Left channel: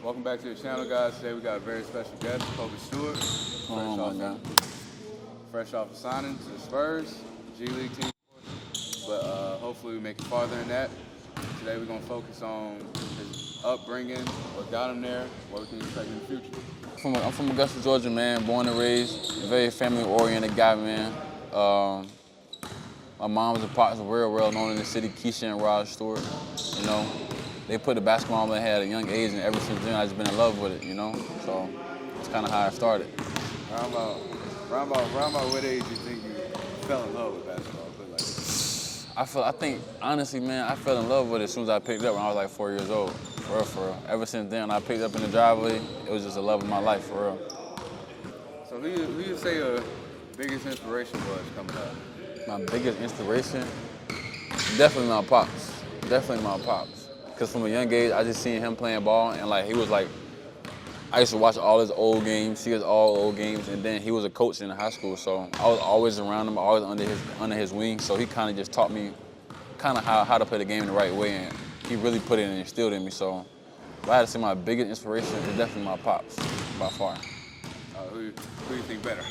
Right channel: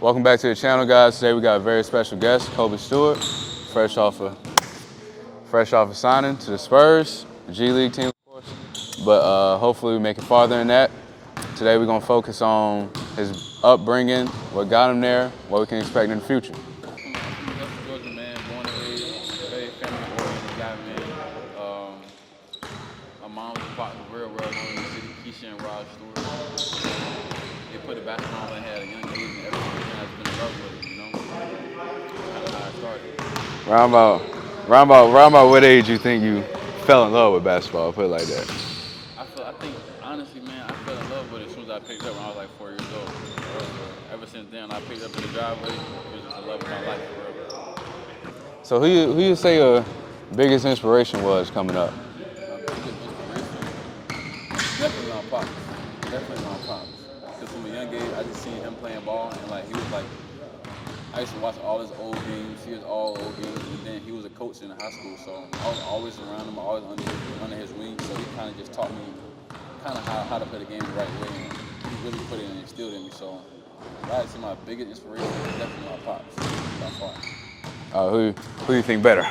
Welcome back to the channel, guys. Today we got a very special guest, Kobe Stewart, fresh off a signing to the Spurs, the G-League team, of course. But hopefully we make it farther than that. Today we're gonna focus on his upbringing, what got him there, what we can expect in the future. I'm from Augusta, Georgia, man. Born and raised, a very family-oriented guy, man. My mom was a pops, real well known in the city, Keisha and Rod Stewart. You know, they put the basketball on my head at a young age, and ever since then I've just been in love with it. You know, so that's kind of how I started. Round about what age you think you fell in love with basketball? Put it like that. I think honestly, man, I fell in love with it as soon as I picked it up when I was like 4 years old. Ever since then, I picked it up in the driveway. It was just a love of my life, for real. So who you say your biggest inspiration was coming up? My biggest inspiration, definitely my pops. Definitely my pops. Because from a young age, I just seen him playing ball, and like he was like, I used to watch all his old games, see his all old games, and then he was a coach in high school, so I was always around him, always under his wing. So he kind of just taught me kind of how to play the game the right way, and he really put it and instilled in me. So if I had to say my biggest inspiration, is definitely my pops, by far. Who do you think better?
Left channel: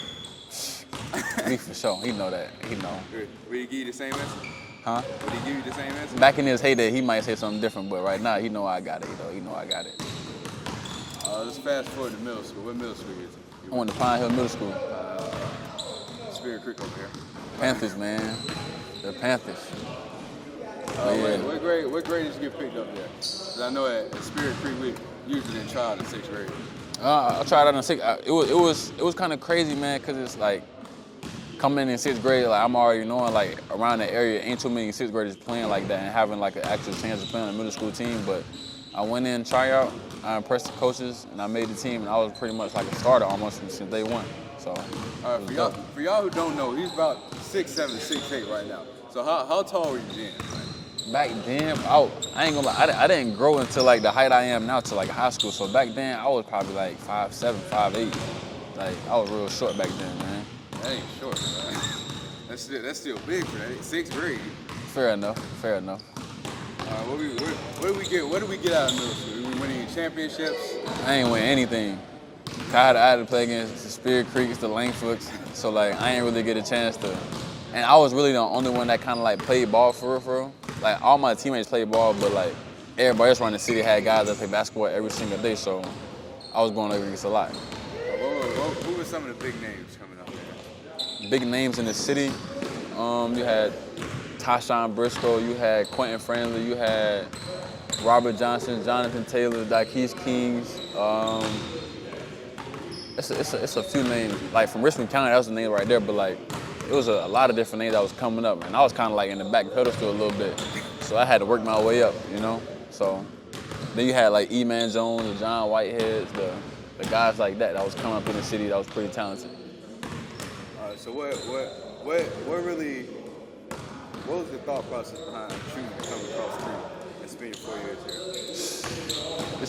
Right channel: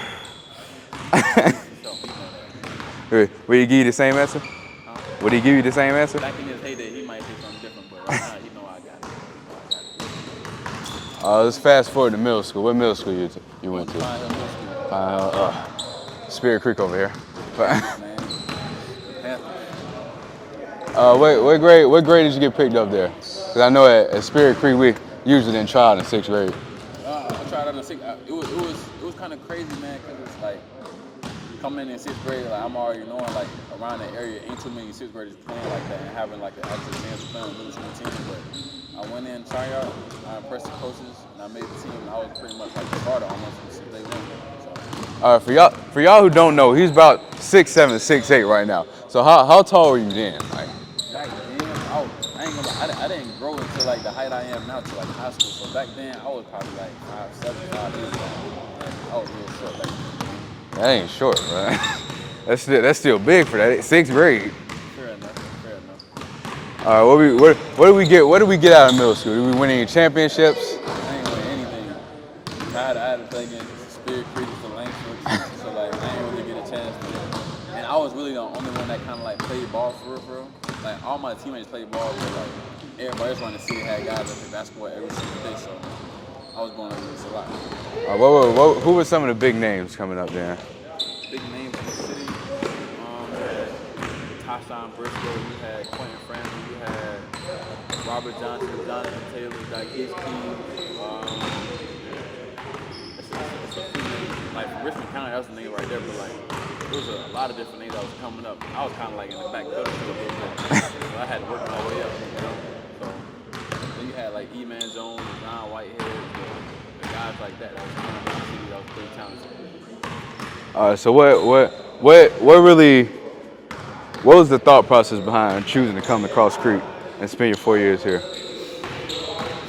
He for sure, he know that. He know. Would he give you the same answer? Huh? Would he give you the same answer? Back in his heyday, he might say something different, but right now, he know I got it. He know I got it. Let's fast forward to middle school. What middle school you went Went to to? Pine Hill Middle School. Spirit Creek over here. Panthers, man. The Panthers. What grade did you get picked up there? Because I know at Spirit Creek we usually didn't try out in 6th grade. I tried out in 6th. It was kind of crazy, man, because it's like coming in 6th grade, like I'm already knowing like around the area ain't too many 6th graders playing like that and having like an actual chance of playing on the middle school team. But I went in, tryout, I impressed the coaches, and I made the team, and I was pretty much like a starter almost since day one. So. All right, for y'all who don't know, he's about 6'7", 6'8" right now. So how tall were you then? Like, back then, I ain't gonna lie, I didn't grow until like the height I am now till like high school. So back then, I was probably like 5'7", 5'8". Like I was real short back then, man. That ain't short, right? That's still big for that 6th grade. Fair enough. All right, what do we get out of middle school? Did we win any championships? I ain't win anything. I had to play against Spirit Creek, the Langfoots, so like I ain't really get a chance to. And I was really the only one that kind of like played ball for real. Like all my teammates played ball, but like everybody else around the city had guys that play basketball every single day, so I was going against a lot. Who were some of the big names coming up there? Big names in the city. You had Tashawn Briscoe, you had Quentin Franley, you had Robert Johnson, Jonathan Taylor, Jacquez Kings. It's a few names. Like from Richmond County, that was a name right there, but like it was a lot of different names that was coming up, and I was kind of like in the back pedestal a little bit, so I had to work my way up, you know. So then you had like E-Man Jones, the John Whiteheads, the guys like that was coming up in the city that was pretty talented. All right, so what was the thought process behind choosing to come to Cross Creek and spend your 4 years here? This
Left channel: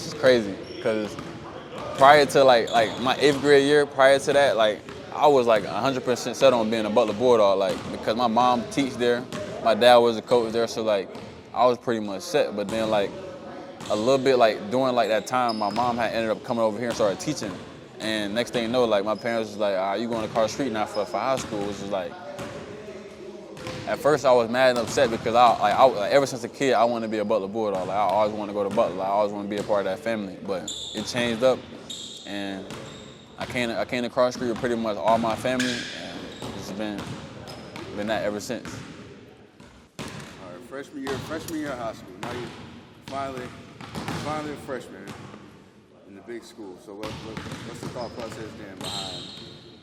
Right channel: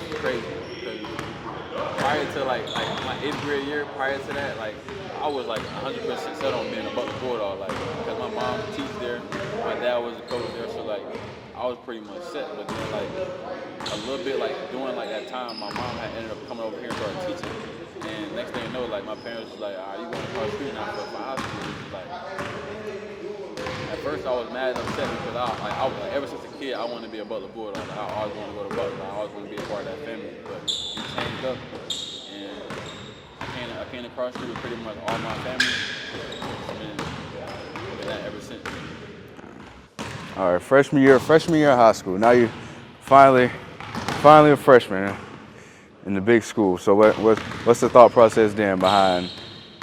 is crazy because prior to like my 8th grade year, prior to that, like I was like 100% set on being a Butler Bulldog, like because my mom teach there, my dad was a coach there, so like I was pretty much set. But then like a little bit like during like that time, my mom had ended up coming over here and started teaching. And next thing you know, like my parents was like, you going to Cross Creek now for high school? It's just like, at first I was mad and upset because I ever since a kid, I wanted to be a Butler Bulldog. Like, I always wanted to go to Butler. I always wanted to be a part of that family. But it changed up, and I came to Cross Creek with pretty much all my family, and it's been that ever since. All right, freshman year of high school. Now you finally a freshman in the big school. So what's the thought process then behind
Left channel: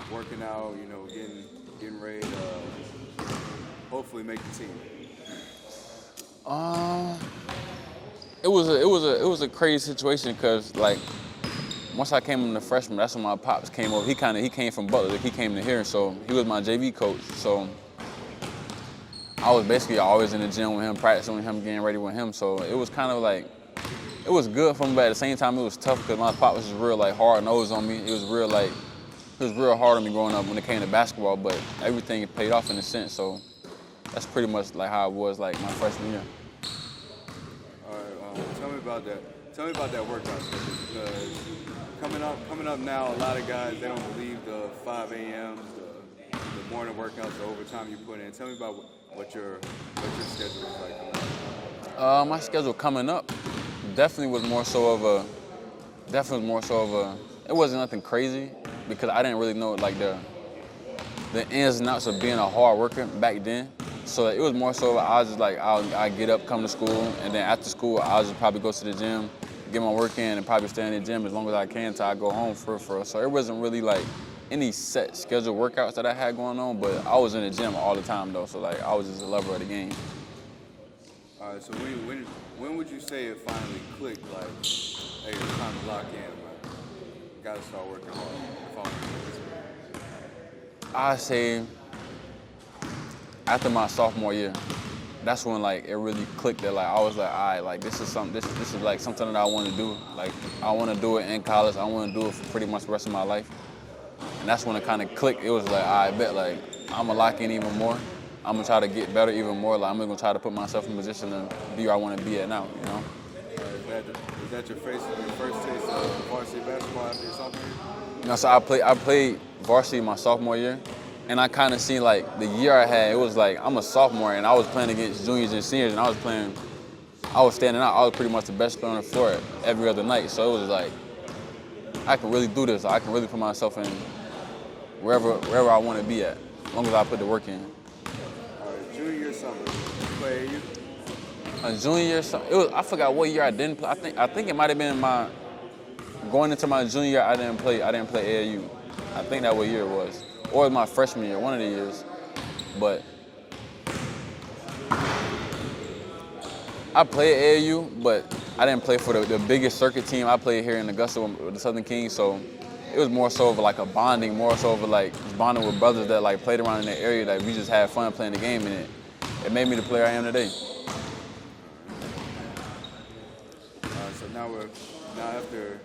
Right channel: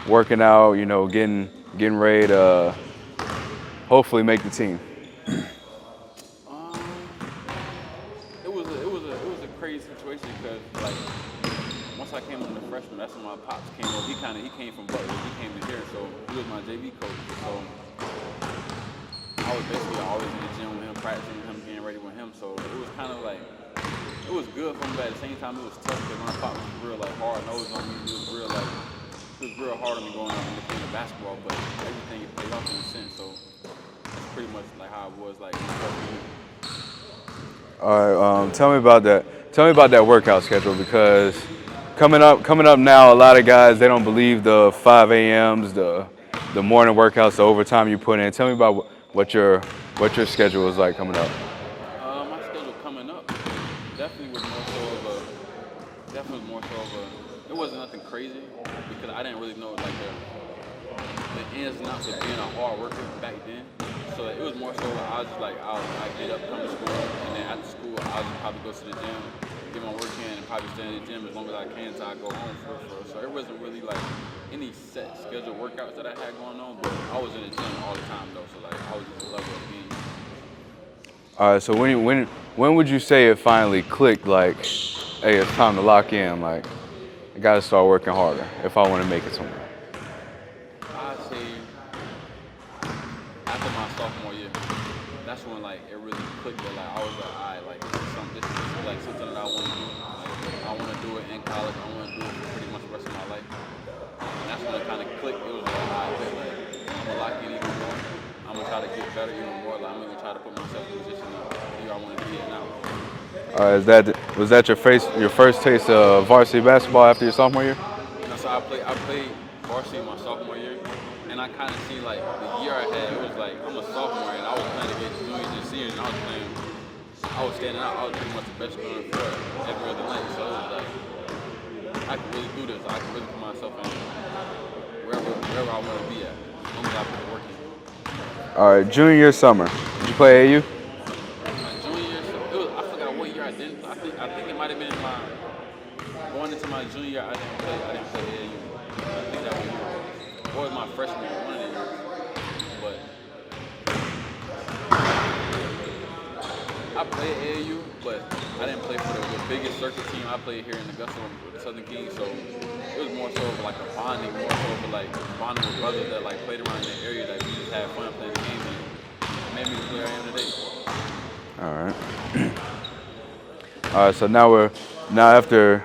working out? You know, getting ready to hopefully make the team. It was a crazy situation because like once I came in the freshman, that's when my pops came over. He came from Butler. He came to here, so he was my JV coach. So I was basically always in the gym with him, practicing with him, getting ready with him. So it was kind of like, it was good for me, but at the same time it was tough because my pop was just real like hard nosed on me. It was real hard on me growing up when it came to basketball, but everything paid off in a sense. So that's pretty much like how it was like my freshman year. All right, tell me about that. Tell me about that workout schedule, because coming up now, a lot of guys, they don't believe the 5 a.m.s, the morning workouts, the overtime you put in. Tell me about what your schedule is like coming up. My schedule coming up definitely was more so of a. It wasn't nothing crazy because I didn't really know like the ins and outs of being a hard worker back then. So it was more so I was just like I get up, come to school, and then after school I'll just probably go to the gym, get my work in, and probably stay in the gym as long as I can until I go home for. So it wasn't really like any set scheduled workouts that I had going on, but I was in the gym all the time though. So like I was just a level of the game. All right. So when would you say it finally clicked? Like, hey, it's time to lock in. Like, I got to start working harder if I want to make it somewhere. I say after my sophomore year, that's when like it really clicked. That like I was like, all right, like this is like something that I want to do. Like I want to do it in college. I want to do it for pretty much the rest of my life. And that's when it kind of clicked. It was like, I bet like I'm gonna lock in even more. I'm gonna try to get better even more. Like I'm gonna try to put myself in a position to be where I want to be at now. You know? Was that your first taste of varsity basketball after your sophomore year? You know, so I played varsity my sophomore year, and I kind of seen like the year I had. It was like I'm a sophomore, and I was playing against juniors and seniors, and I was standing out. I was pretty much the best player on the floor every other night. So it was like I can really do this. I can really put myself in wherever I want to be at, as long as I put the work in. All right, junior year summer. Did you play AAU? Junior year, I forgot what year I didn't play. I think it might have been going into my junior year. I didn't play AAU. I think that what year it was, or it was my freshman year, one of the years. But I played AAU, but I didn't play for the biggest circuit team. I played here in Augusta with the Southern Kings, so it was more so of like a bonding, more so of like bonding with brothers that like played around in the area. Like we just had fun playing the game, and it made me the player I am today. All right. All right. So now after,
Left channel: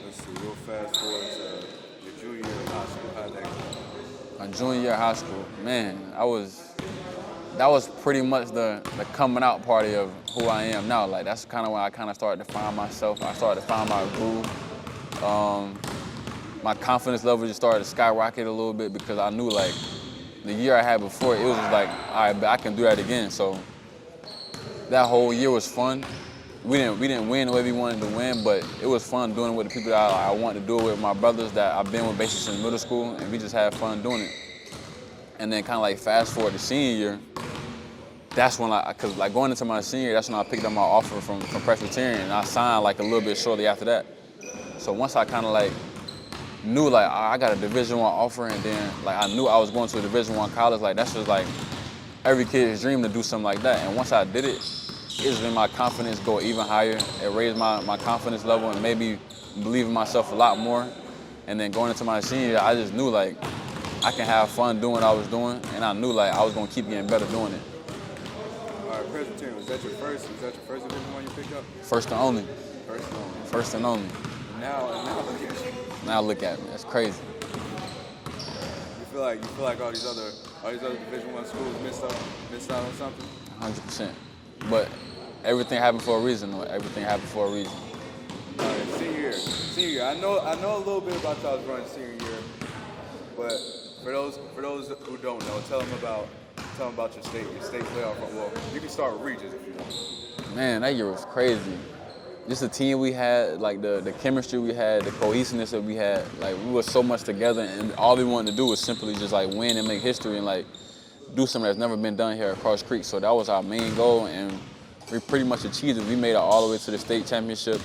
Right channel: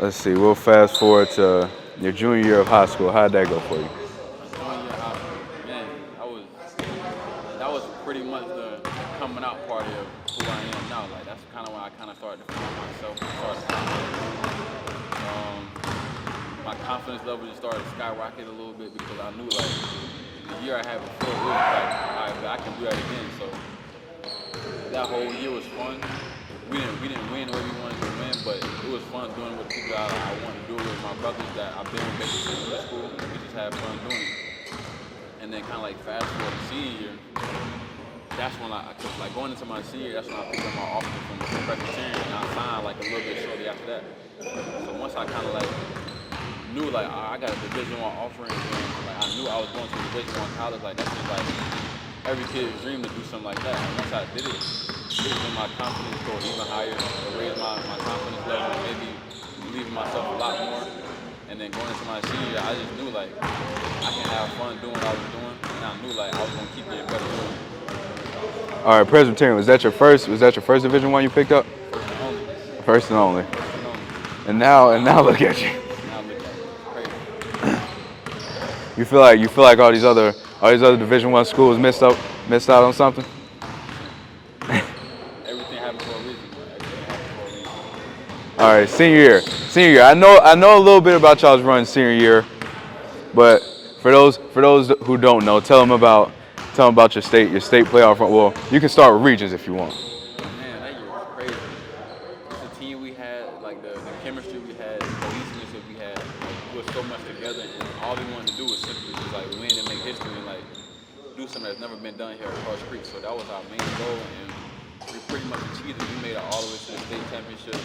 let's see. We'll fast forward to your junior year of high school. How'd that go for you? My junior year of high school, man, that was pretty much the coming out party of who I am now. Like that's kind of when I kind of started to find myself. I started to find my groove. My confidence level just started to skyrocket a little bit because I knew like the year I had before, it was just like, all right, I can do that again. So that whole year was fun. We didn't win the way we wanted to win, but it was fun doing it with the people that I wanted to do it with, my brothers that I've been with basically since middle school, and we just had fun doing it. And then kind of like fast forward to senior year, that's when cause like going into my senior year, that's when I picked up my offer from Presbyterian, and I signed like a little bit shortly after that. So once I kind of like knew like I got a Division I offer, and then like I knew I was going to a Division I college, like that's just like every kid's dream to do something like that. And once I did it, it just made my confidence go even higher. It raised my confidence level and made me believe in myself a lot more. And then going into my senior year, I just knew like I can have fun doing what I was doing, and I knew like I was gonna keep getting better doing it. All right, Presbyterian, was that your first Division I you picked up? First and only. First and only. First and only. And now look at you. Now look at me. It's crazy. You feel like all these other Division I schools missed out on something? 100%. But everything happened for a reason. Everything happened for a reason. All right, senior year. I know a little bit about y'all's run senior year, but for those who don't know, tell them about your state playoff run. Well, you can start with regions if you want. Man, that year was crazy. Just the team we had, like the chemistry we had, the cohesiveness that we had, like we were so much together, and all we wanted to do was simply just like win and make history and like do something that's never been done here at Cross Creek. So that was our main goal, and we pretty much achieved it. We made it all the way to the state championship,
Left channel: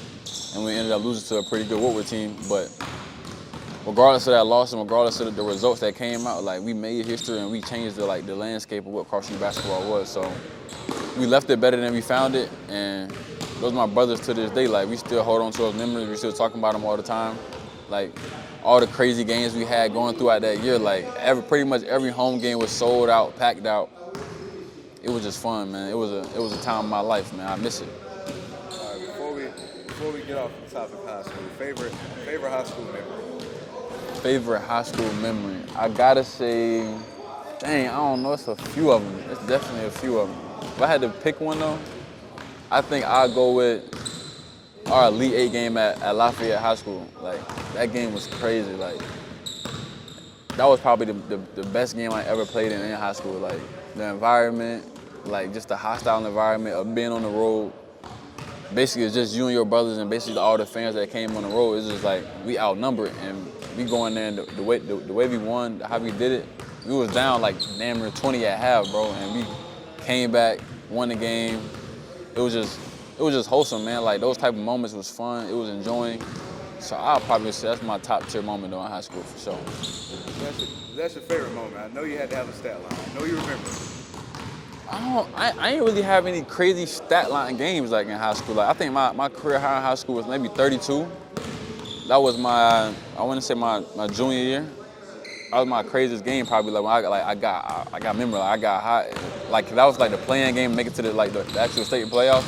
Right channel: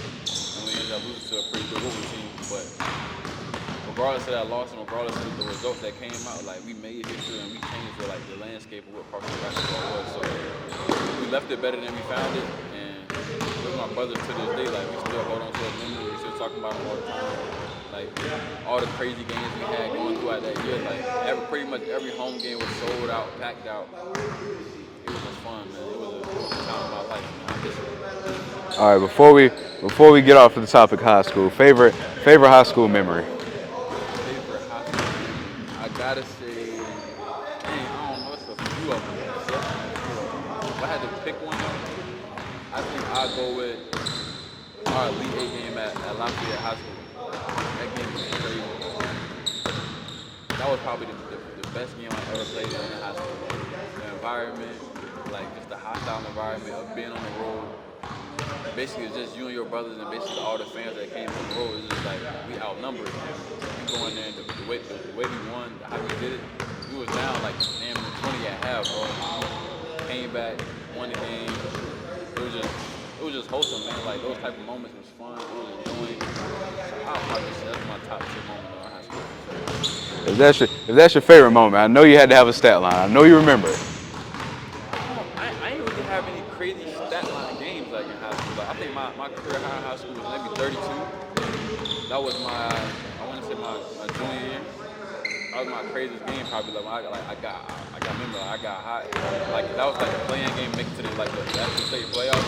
and we ended up losing to a pretty good Woodward team. But regardless of that loss and regardless of the results that came out, like we made history and we changed the landscape of what Cross Creek basketball was. So we left it better than we found it, and those are my brothers to this day. Like we still hold on to those memories. We still talking about them all the time. Like all the crazy games we had going throughout that year. Like pretty much every home game was sold out, packed out. It was just fun, man. It was a time of my life, man. I miss it. All right, before we get off of the topic of high school, favorite high school memory. Favorite high school memory. I gotta say, dang, I don't know. It's a few of them. It's definitely a few of them. If I had to pick one though, I think I'd go with our Elite 8 game at Lafayette High School. Like, that game was crazy. Like, that was probably the best game I ever played in high school. Like, the environment, like, just the hostile environment of being on the road. Basically, it's just you and your brothers and basically all the fans that came on the road. It's just like, we outnumbered, and we going there, and the way we won, how we did it, we was down like damn near 20 at half, bro, and we came back, won the game. It was just wholesome, man. Like, those type of moments was fun. It was enjoying. So I'll probably say that's my top tier moment though in high school for sure. If that's your favorite moment, I know you had to have a stat line. I know you remember it. I ain't really have any crazy stat line games like in high school. Like, I think my career high in high school was maybe 32. That was I want to say my junior year. That was my craziest game probably. Like, when I got hot. Like, that was like the playing game, make it to the actual state playoff.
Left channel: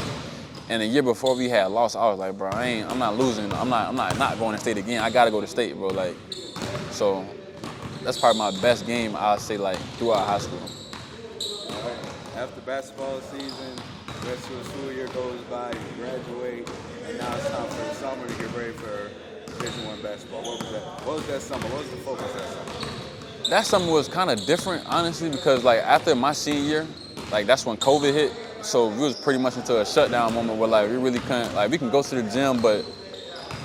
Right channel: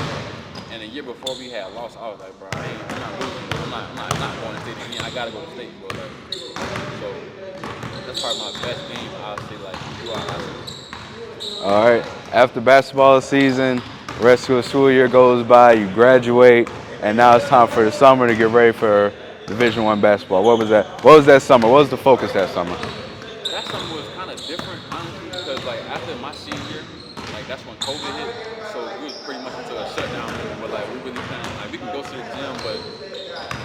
And the year before we had lost, I was like, bro, I'm not losing. I'm not going to state again. I gotta go to state, bro. Like, so that's probably my best game, I'll say, like, throughout high school. All right. After basketball season, the rest of the school year goes by, you graduate, and now it's time for the summer to get ready for Division I basketball. What was that? What was that summer? What was the focus that summer? That summer was kind of different, honestly, because like after my senior year, like that's when COVID hit. So we was pretty much into a shutdown moment where like we really couldn't, like we can go to the gym, but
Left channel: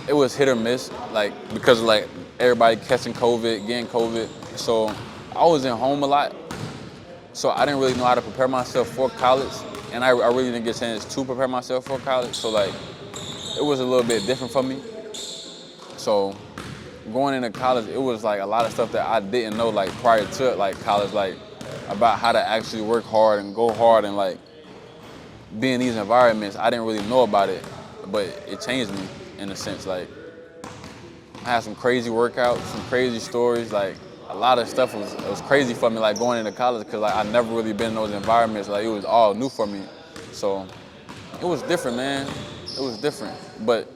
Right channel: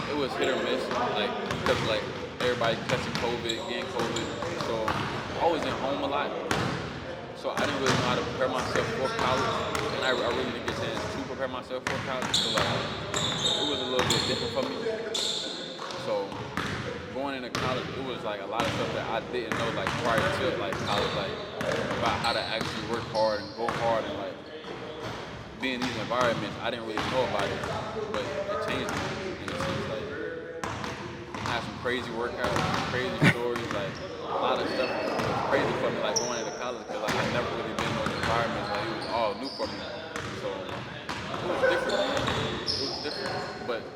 it was hit or miss, like because like everybody catching COVID, getting COVID. So I was in home a lot. So I didn't really know how to prepare myself for college, and I really didn't get a chance to prepare myself for college. So like it was a little bit different for me. So going into college, it was like a lot of stuff that I didn't know like prior to like college, like about how to actually work hard and go hard and like be in these environments. I didn't really know about it, but it changed me in a sense. Like I had some crazy workouts, some crazy stories. Like a lot of stuff was crazy for me, like going into college, because like I never really been in those environments. Like it was all new for me. So it was different, man. It was different, but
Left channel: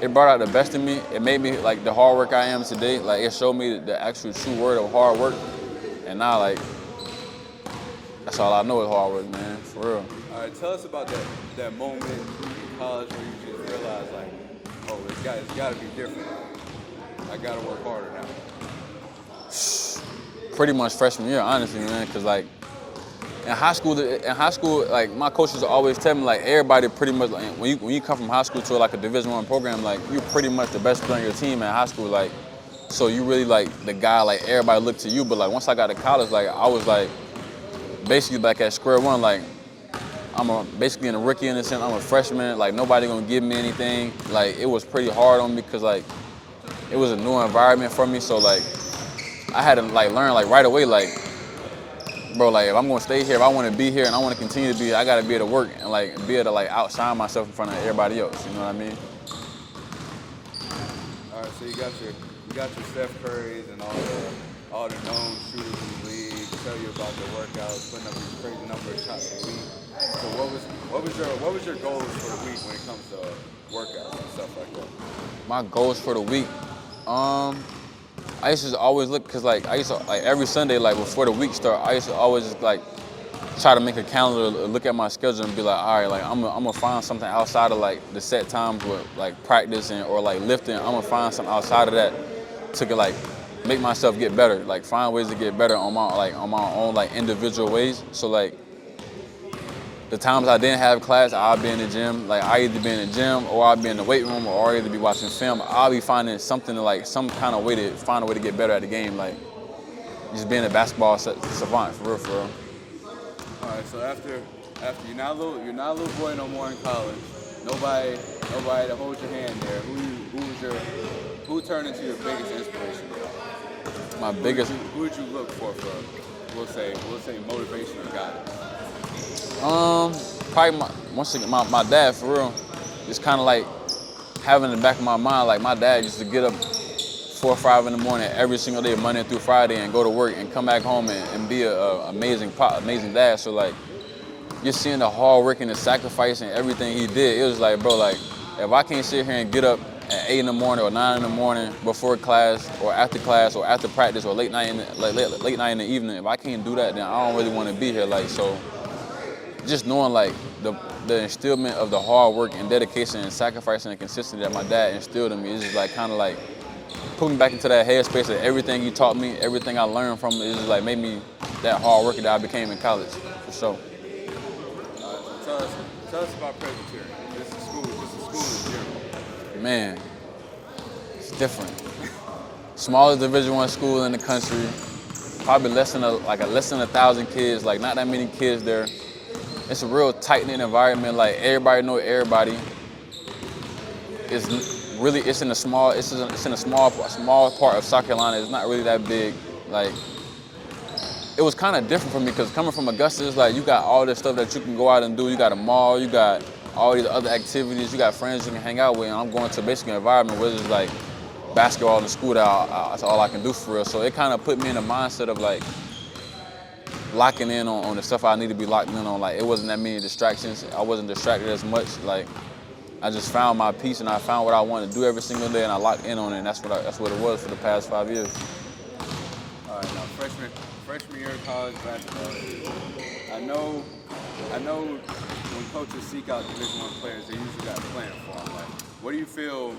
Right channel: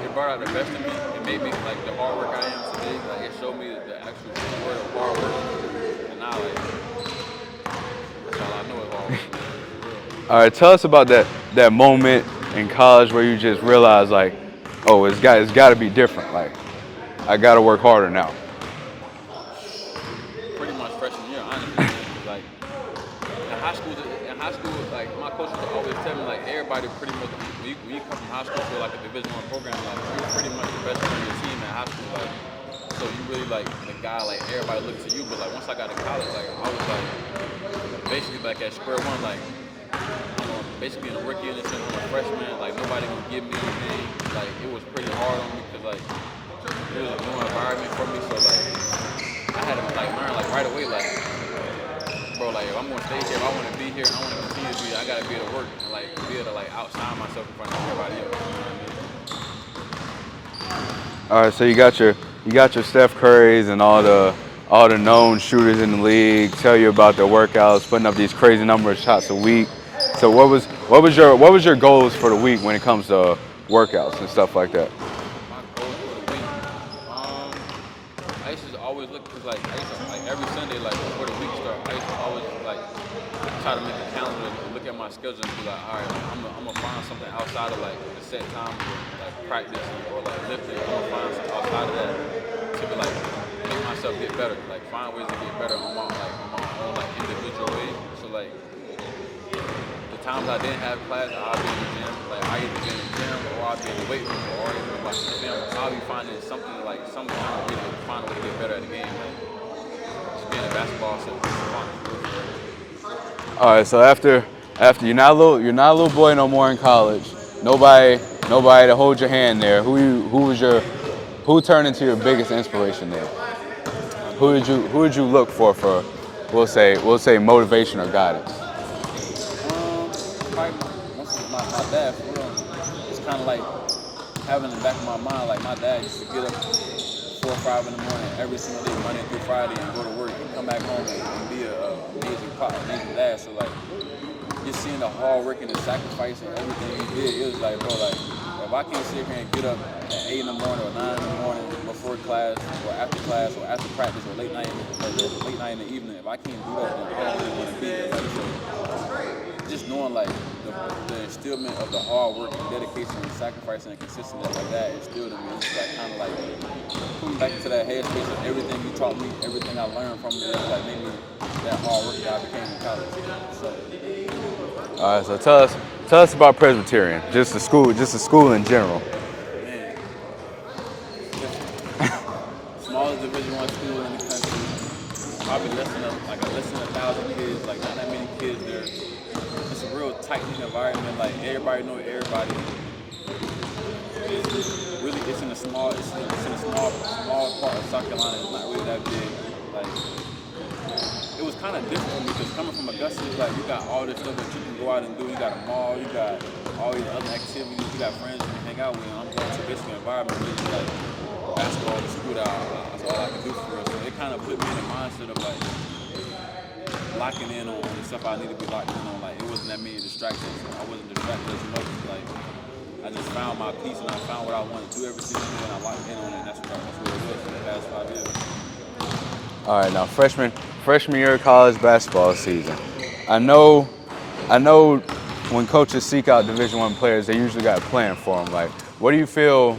it brought out the best in me. It made me like the hard work I am today. Like it showed me the actual true word of hard work. And now like that's all I know is hard work, man, for real. All right, tell us about that moment in college where you just realized like, oh, it's got to be different. Like I got to work harder now. Pretty much freshman year, honestly, man, because like in high school, like my coaches always tell me like everybody pretty much like, when you come from high school to like a Division I program, like you pretty much the best player on your team in high school, like so you really like the guy, like everybody looked to you. But like once I got to college, like I was like basically back at square one. Like I'm basically a rookie in a sense. I'm a freshman. Like nobody gonna give me anything. Like it was pretty hard on me because like it was a new environment for me. So like I had to like learn like right away, like bro, like if I'm gonna stay here, if I want to be here and I want to continue to be here, I gotta be able to work and like be able to like outshine myself in front of everybody else. You know what I mean? All right, so you got your Steph Currys and all the known shooters in the league tell you about their workouts, putting up these crazy number of shots a week. So what was your goals for the week when it comes to workouts and stuff like that? My goals for the week, I used to always look, cause like I used to like every Sunday, like before the week start, I used to always like try to make a calendar, look at my schedule and be like, all right, like I'm gonna find something outside of like the set times with like practicing or like lifting. I'm gonna find something outside of that to like make myself get better, like find ways to get better on my own like individual ways. So like the times I didn't have class, I'll be in the gym. Like I either be in the gym or I'll be in the weight room or I'll either be watching film. I'll be finding something to like some kind of way to find a way to get better at the game. Like just being a basketball savant, for real. All right, so after you're not a little boy no more in college. Nobody to hold your hand there. Who turned into your biggest inspiration there? Who did you look for we'll say motivation or guidance? Probably my dad, for real. It's kind of like having in the back of my mind, like my dad used to get up 4 or 5 in the morning every single day, Monday through Friday, and go to work and come back home and be an amazing dad. So like, just seeing the hard work and the sacrifice and everything he did, it was like, bro, like if I can't sit here and get up at 8 in the morning or 9 in the morning before class or after practice or late night in the evening, if I can't do that, then I don't really want to be here. Like so. just knowing like the instillment of the hard work and dedication and sacrifice and consistency that my dad instilled in me is just like kind of like put me back into that headspace of everything he taught me, everything I learned from it, is like made me that hard worker that I became in college, for sure. All right, so tell us about Presbyterian, just the school in general. Man, it's different. Smallest Division I school in the country, probably less than 1,000 kids, like not that many kids there. It's a real tight-knit environment, like everybody know everybody. It's in a small part of South Carolina. It's not really that big. Like, it was kind of different for me because coming from Augusta, it's like you got all this stuff that you can go out and do. You got a mall, you got all these other activities, you got friends you can hang out with. And I'm going to basically an environment where it's like basketball in the school that's all I can do for real. So it kind of put me in the mindset of like locking in on the stuff I need to be locked in on. Like, it wasn't that many distractions. I wasn't distracted as much. Like, I just found my peace and I found what I wanted to do every single day and I locked in on it. And that's what it was for the past 5 years. All right, now freshman year of college basketball season. I know when coaches seek out Division I players, they usually got a plan for them. Like, what do you feel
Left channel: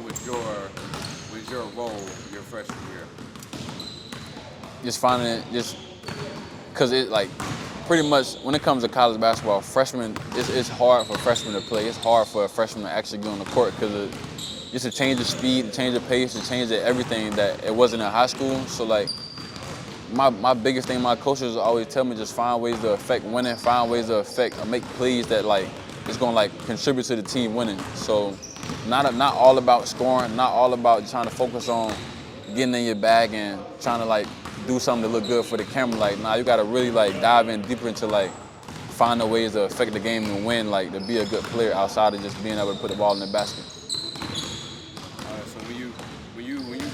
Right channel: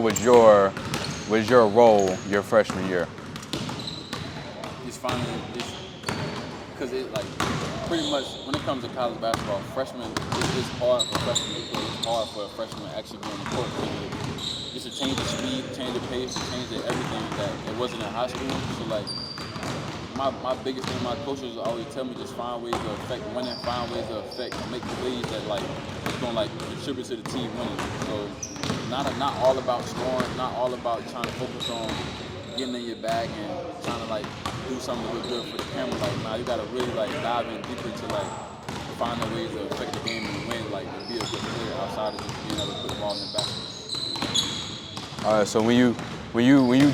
was your role your freshman year? Just finding it, because it like pretty much when it comes to college basketball, it's hard for freshmen to play. It's hard for a freshman to actually get on the court because it's a change of speed, a change of pace, a change of everything that it wasn't in high school. So like my biggest thing, my coaches always tell me, just find ways to affect winning, find ways to make plays that like it's gonna like contribute to the team winning. So not all about scoring, not all about trying to focus on getting in your bag and trying to like do something to look good for the camera. Like, nah, you gotta really like dive in deeper into like finding ways to affect the game and win, like to be a good player outside of just being able to put the ball in the basket. All right, so when you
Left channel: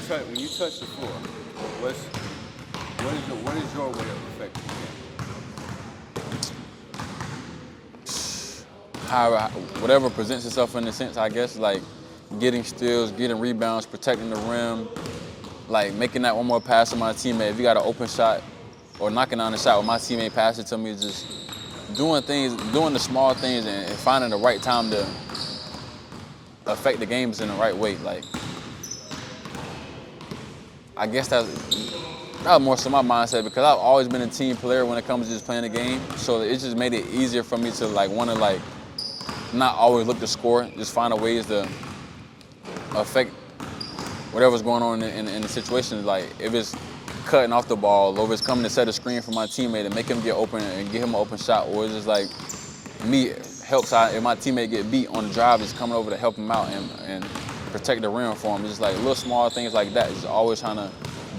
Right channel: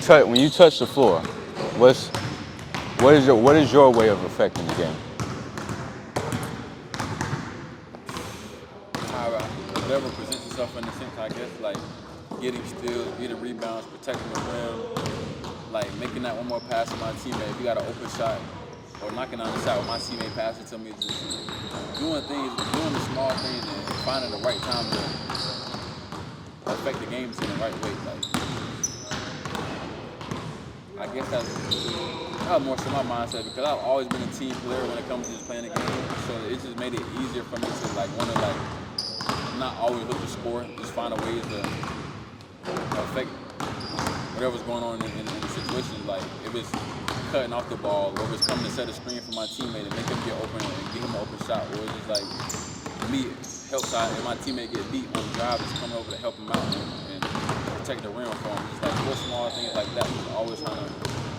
touch the floor, what is your way of affecting the game? Whatever presents itself in a sense, I guess, like getting steals, getting rebounds, protecting the rim, like making that one more pass to my teammate. If you got an open shot or knocking down a shot when my teammate passed it to me, just doing the small things and finding the right time to affect the games in the right way. Like, I guess that was more so my mindset because I've always been a team player when it comes to just playing the game. So it just made it easier for me to like want to like not always look to score, just find ways to affect whatever's going on in the situation. Like if it's cutting off the ball, or if it's coming to set a screen for my teammate and make him get open and get him an open shot, or it's just like me helps out if my teammate get beat on the drive, just coming over to help him out and protect the rim for him. It's just like little small things like that. Just always trying to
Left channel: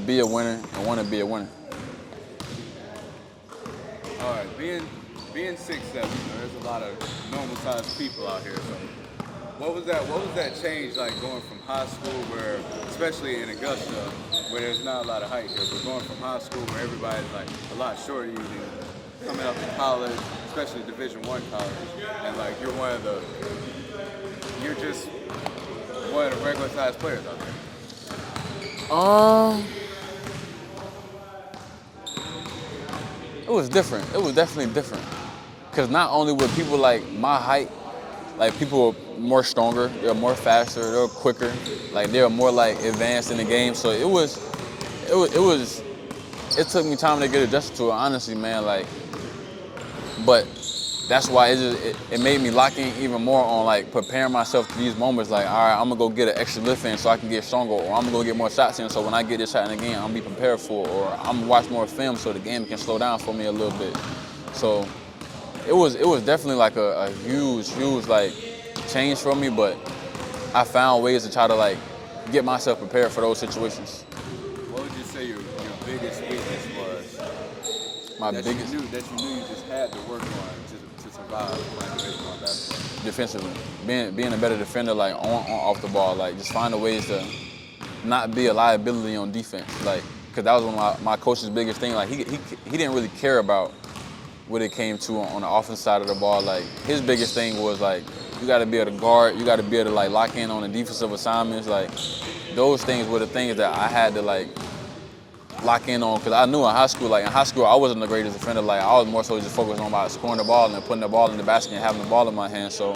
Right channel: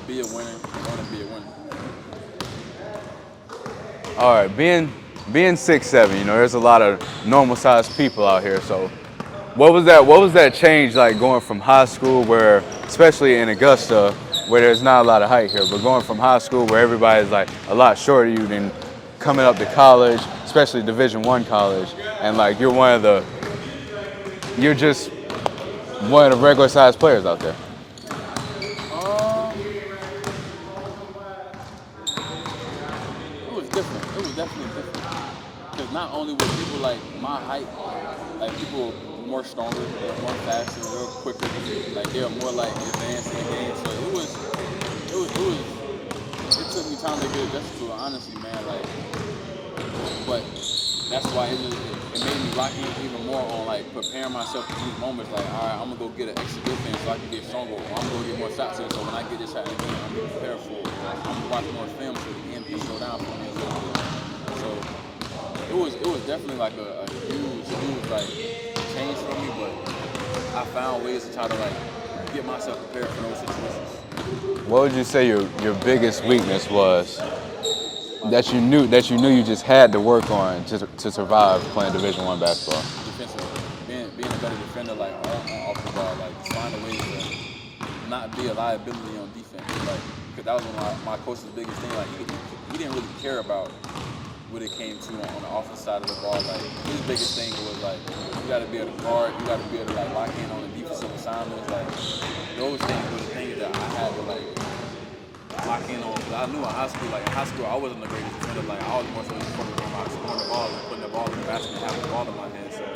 be a winner and want to be a winner. All right, being 6'7", you know, there's a lot of normal-sized people out here. So, what was that change like going from high school, where, especially in Augusta, where there's not a lot of height here, but going from high school where everybody's like a lot shorter than you, than coming up to college, especially Division I college, and like you're just one of the regular-sized players out there? It was different. It was definitely different. Because not only were people like my height, like people were more stronger, they were more faster, they were quicker, like they were more like advanced in the game. So it took me time to get adjusted to it, honestly, man. Like, but that's why it made me lock in even more on like preparing myself to these moments. Like, all right, I'm gonna go get an extra lift in so I can get stronger, or I'm gonna go get more shots in so when I get this shot in the game, I'm gonna be prepared for it, or I'm gonna watch more film so the game can slow down for me a little bit. So it was definitely like a huge like change for me, but I found ways to try to like get myself prepared for those situations. What would you say your biggest weakness was that you knew you just had to work on to survive playing Division I basketball? Defensively, being a better defender, like on off the ball, like just finding ways to not be a liability on defense, like because that was one of my coach's biggest thing. Like he didn't really care about what it came to on the offense side of the ball. Like his biggest thing was like you got to be able to guard, you got to be able to like lock in on the defensive assignments. Like those things were the things that I had to like lock in on, because I knew in high school I wasn't the greatest defender. Like I was more so just focused on my scoring the ball and putting the ball in the basket and having the ball in my hand. So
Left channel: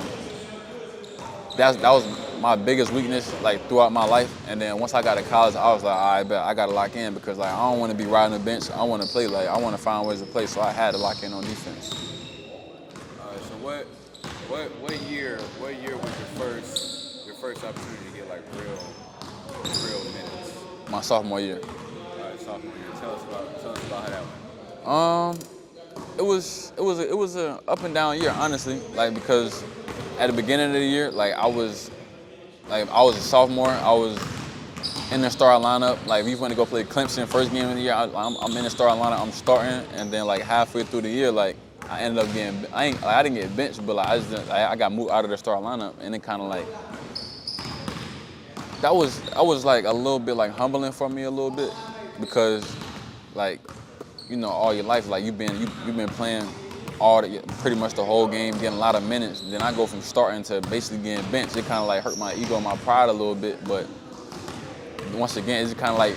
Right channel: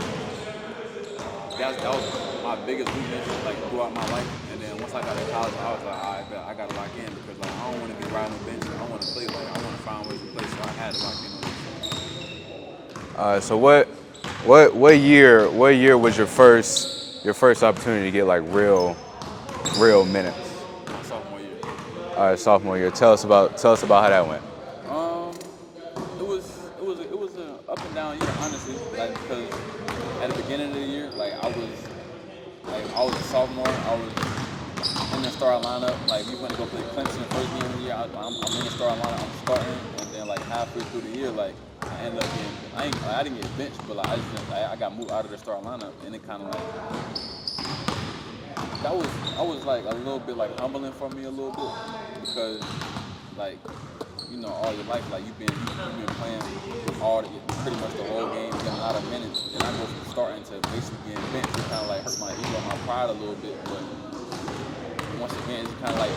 that was my biggest weakness like throughout my life. And then once I got to college, I was like, all right, bet I got to lock in because like I don't want to be riding the bench. I want to play. Like I want to find ways to play. So I had to lock in on defense. So what year was your first opportunity to get like real minutes? My sophomore year. All right, sophomore year. Tell us about how that went. It was an up and down year, honestly. Like because at the beginning of the year, like I was a sophomore. I was in the starting lineup. Like if you want to go play Clemson first game of the year, I'm in the starting lineup. I'm starting, and then like halfway through the year, like I ended up getting I didn't get benched, but like I got moved out of the starting lineup, and it kind of like that was like a little bit like humbling for me a little bit because like all your life like you've been playing pretty much the whole game, getting a lot of minutes. Then I go from starting to basically getting benched. It kind of like hurt my ego and my pride a little bit, but once again, it's kind of like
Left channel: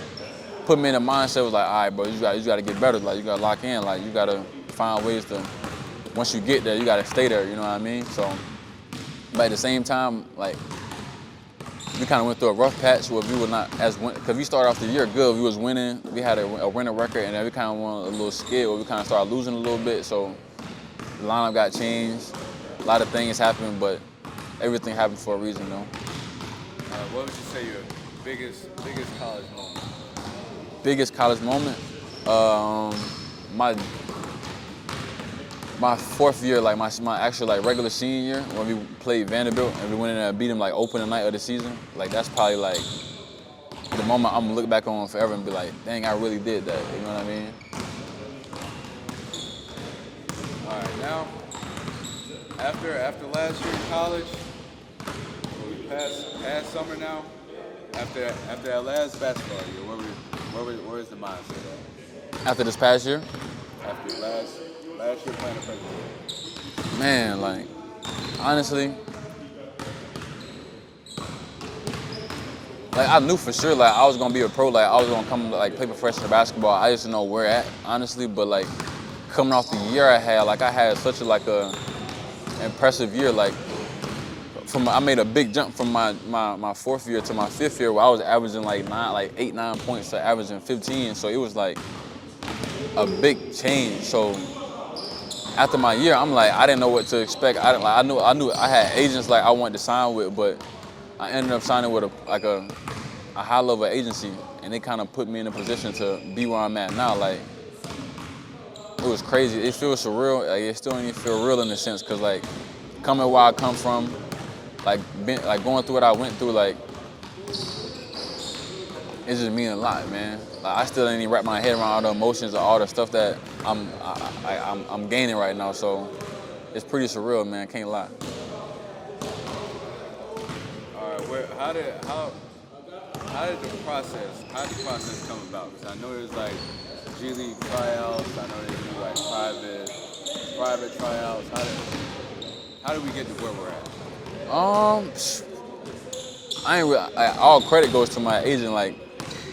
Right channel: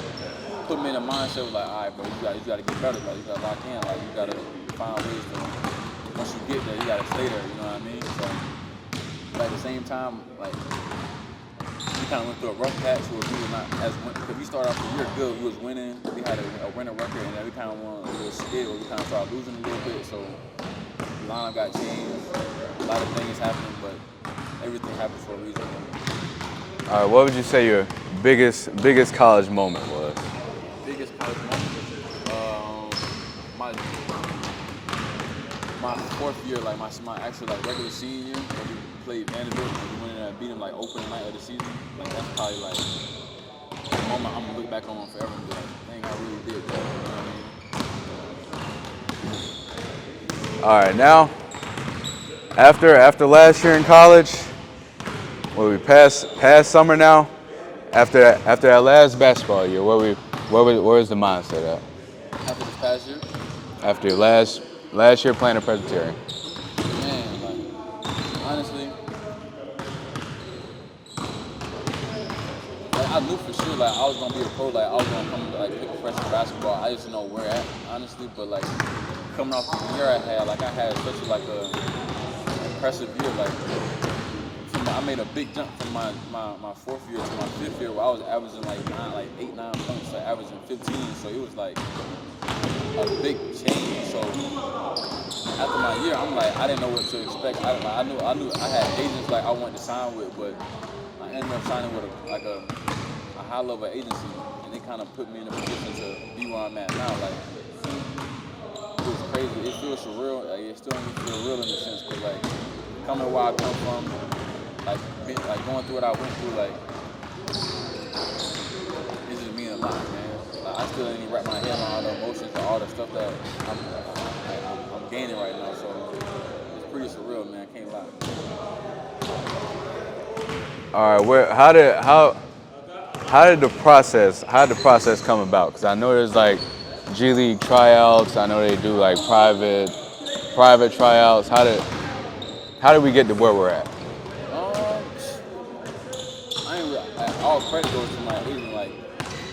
put me in a mindset was like, all right, bro, you got to get better. Like you got to lock in. Like you got to find ways to. Once you get there, you got to stay there. You know what I mean? So, but at the same time, like we kind of went through a rough patch where we were not as because we started off the year good. We was winning. We had a winning record, and then we kind of went a little scared where we kind of started losing a little bit. So the lineup got changed. A lot of things happened, but everything happened for a reason, All right, what would you say your biggest college moment was? Biggest college moment? My fourth year, like my actual like regular senior year, when we played Vanderbilt and we went in there and beat them like opening night of the season. Like that's probably like the moment I'm gonna look back on forever and be like, dang, I really did that. You know what I mean? All right, now after last year in college, we passed summer now. After that last basketball year, where's the mindset at? After this past year? After your last year playing a Presbyterian. Man, like honestly, like I knew for sure like I was gonna be a pro. Like I was gonna come like play professional basketball. I just didn't know where at, honestly. But like coming off the year I had such a impressive year. Like I made a big jump from my fourth year to my fifth year where I was averaging like 8, 9 points to averaging 15. So it was like a big change. So after my year, I'm like, I didn't know what to expect. I knew I had agents like I wanted to sign with, but I ended up signing with a high level agency, and they kind of put me in a position to be where I'm at now. Like it was crazy. It feels surreal. Like it still doesn't feel real in a sense, cause like coming where I come from. Like going through what I went through, like it just means a lot, man. Like I still didn't even wrap my head around all the emotions and all the stuff that I'm gaining right now. So it's pretty surreal, man. Can't lie. All right, how did the process come about? Because I know there's like G-League tryouts. I know they do like private tryouts. How did we get to where we're at? All credit goes to my agent. Like,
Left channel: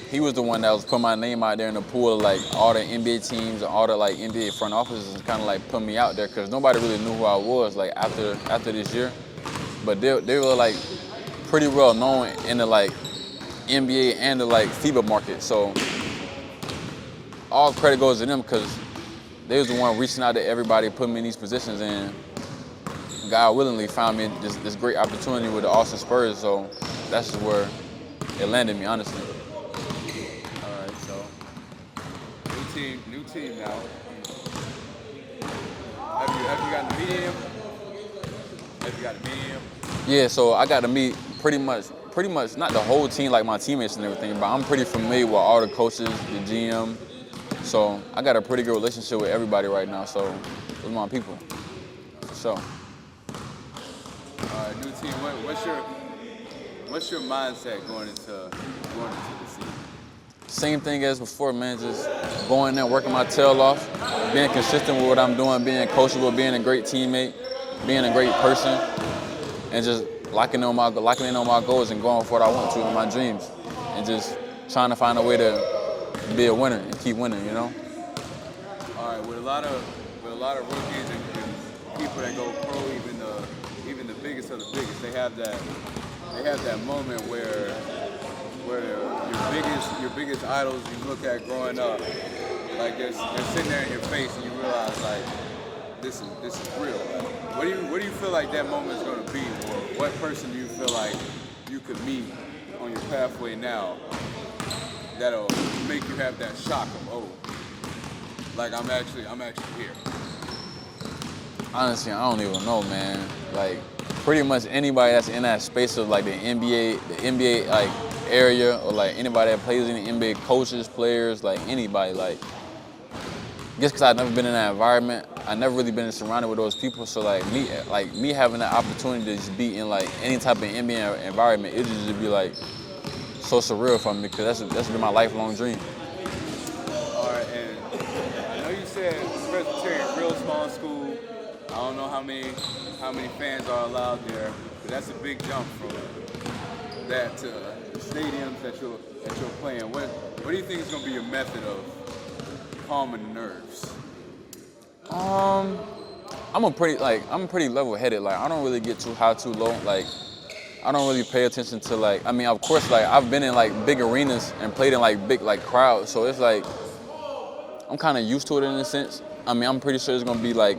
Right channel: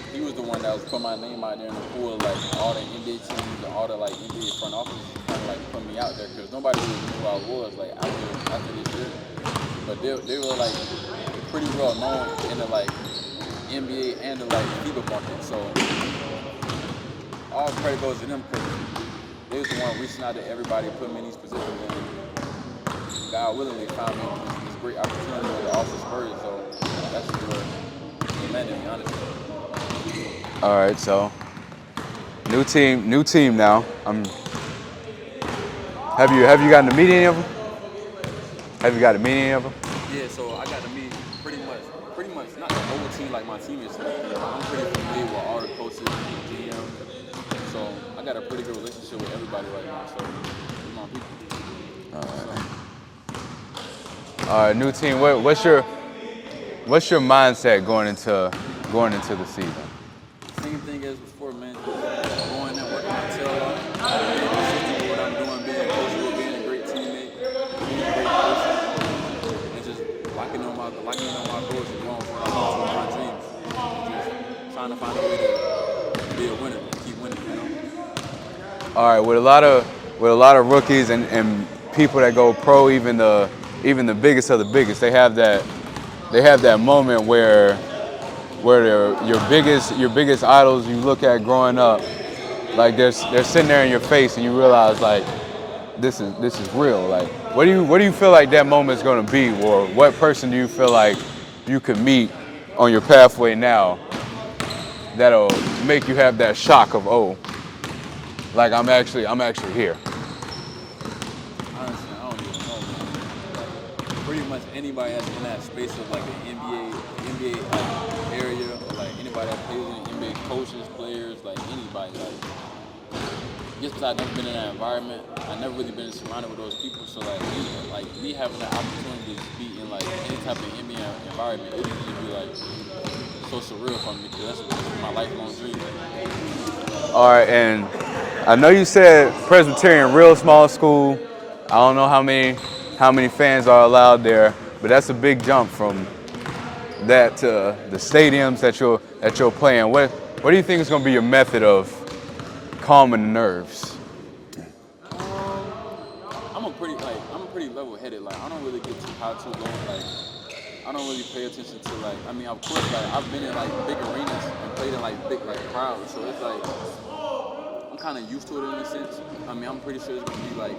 he was the one that was putting my name out there in the pool of like all the NBA teams and all the like NBA front offices, kind of like putting me out there because nobody really knew who I was like after this year. But they were like pretty well known in the like NBA and the like FIBA market. So all credit goes to them because they was the one reaching out to everybody, putting me in these positions, and God willingly found me this great opportunity with the Augusta Spurs, so that's where it landed me, honestly. All right, so new team now. Have you gotten to meet any of them? Have you got to meet any of them? Yeah, so I got to meet pretty much not the whole team like my teammates and everything, but I'm pretty familiar with all the coaches, the GM. So I got a pretty good relationship with everybody right now. So it's my people. So. All right, new team. What's your mindset going into the season? Same thing as before, man. Just going in there, working my tail off, being consistent with what I'm doing, being coachable, being a great teammate, being a great person, and just locking in on my goals and going for what I want to with my dreams, and just trying to find a way to be a winner and keep winning, you know? All right, with a lot of rookies and people that go pro, even the biggest of the biggest, they have that moment where they're your biggest idols you look at growing up, like they're sitting there in your face and you realize like this is real. Like what do you feel like that moment is going to be, or what person do you feel like you could meet on your pathway now that'll make you have that shock of, oh, like I'm actually here? Honestly, I don't even know, man. Like pretty much anybody that's in that space of like the NBA like area, or like anybody that plays in the NBA, coaches, players, like anybody, like just because I've never been in that environment, I never really been surrounded with those people. So like me having the opportunity to just be in like any type of NBA environment, it just be like so surreal for me, because that's been my lifelong dream. All right, and I know you said Presbyterian, real small school. I don't know how many fans are allowed there, but that's a big jump from that to the stadiums that you're playing. What do you think is going to be your method of calming the nerves? I'm pretty level-headed. Like I don't really get too high, too low. Like I don't really pay attention to like. I mean, of course, like I've been in like big arenas and played in like big like crowds, so it's like I'm kind of used to it in a sense. I mean, I'm pretty sure it's going to be like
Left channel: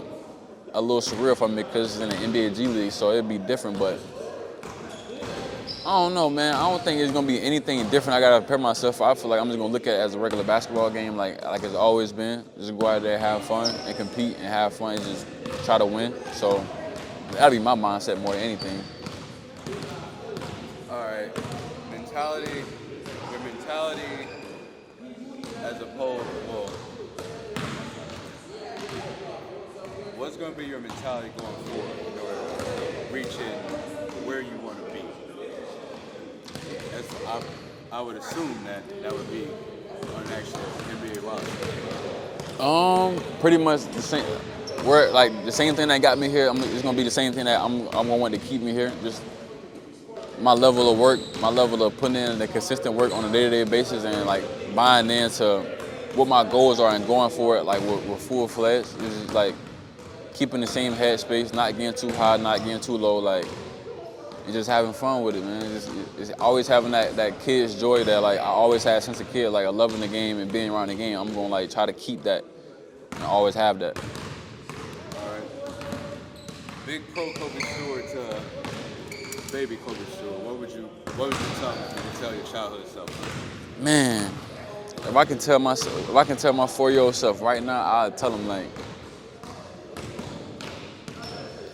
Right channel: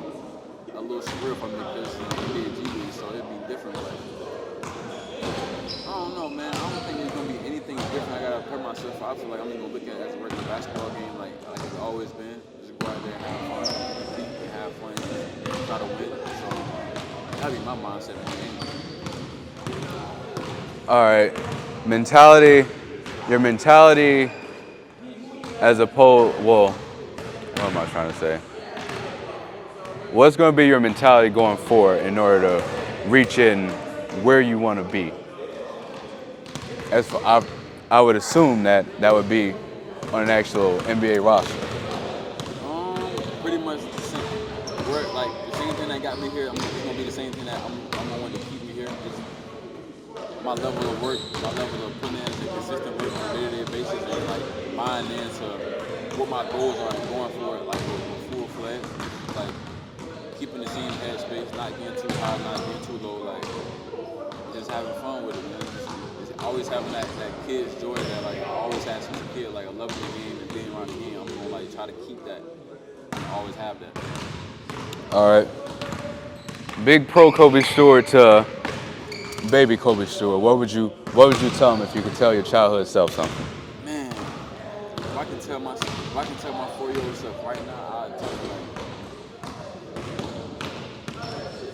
a little surreal for me because it's in the NBA G-League, so it'd be different, but I don't know, man. I don't think it's gonna be anything different I gotta prepare myself for. I feel like I'm just gonna look at it as a regular basketball game, like it's always been. Just go out there, have fun, and compete, and have fun, and just try to win. So that'll be my mindset more than anything. All right, your mentality as opposed, well, what am I trying to say? What's going to be your mentality going forward in order to reach in where you want to be? As for, I would assume that would be on an actual NBA roster. Pretty much the same. The same thing that got me here. It's gonna be the same thing that I'm gonna want to keep me here. Just my level of work, my level of putting in the consistent work on a day-to-day basis, and like buying into what my goals are and going for it like with full fledged. It's just like keeping the same headspace, not getting too high, not getting too low, like and just having fun with it, man. It's always having that kid's joy that like I always had since a kid, like loving the game and being around the game. I'm gonna like try to keep that and always have that. All right. Big pro Kobe Stewart to baby Kobe Stewart. What would you tell him if you could tell your childhood self something? Man, if I can tell my 4-year-old self right now, I'd tell him like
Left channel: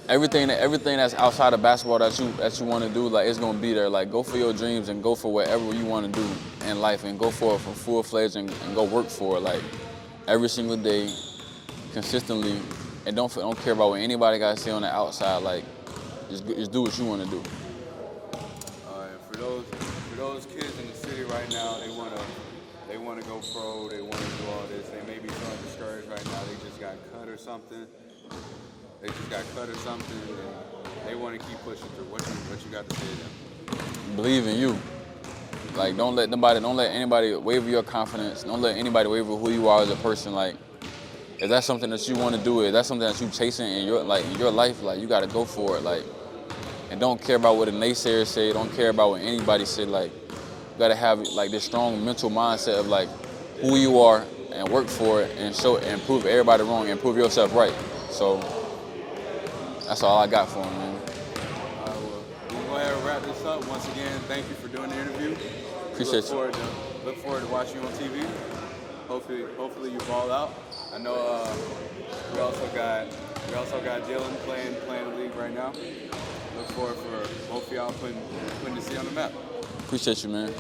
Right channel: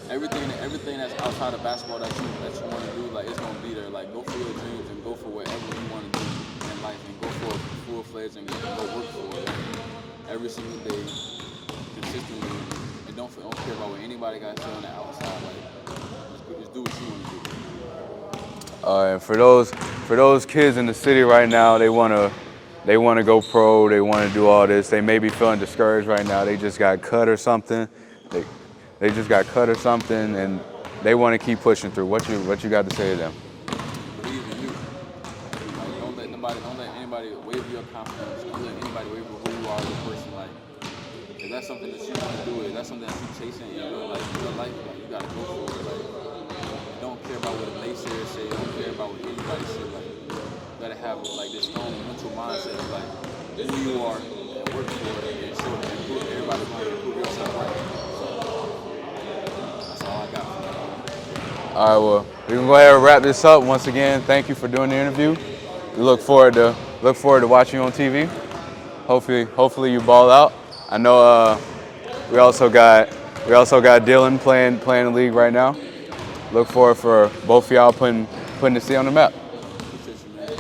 everything that's outside of basketball that you want to do, like it's gonna be there. Like go for your dreams and go for whatever you want to do in life, and go for it for full-fledged and go work for it like every single day, consistently, and don't care about what anybody got to say on the outside. Like just do what you want to do. All right, for those kids in the city right now, they want to go pro, they want to do all this. They may be feeling discouraged right now. They just got cut or something. They just got cut or something, and they want to keep pushing through. What you got to say to them? Believe in you. Like don't let anybody waver your confidence. Don't let anybody waver who you are as a person. Like if that's something that you want to do, if that's something that you chasing in your life, like you got to go for it. Like and don't care about what the naysayers say. Don't care about what anybody say. Like you got to have like this strong mental mindset of like who you are and work for it and prove everybody wrong and prove yourself right. So. That's all I got for him, man. All right, well, we can go ahead and wrap this up. Once again, thank you for doing the interview. We look forward to watching you on TV. Hopefully you ball out. I know we also got Dylan playing the league right now. Look forward for both of y'all putting the city on the map. Appreciate you, man.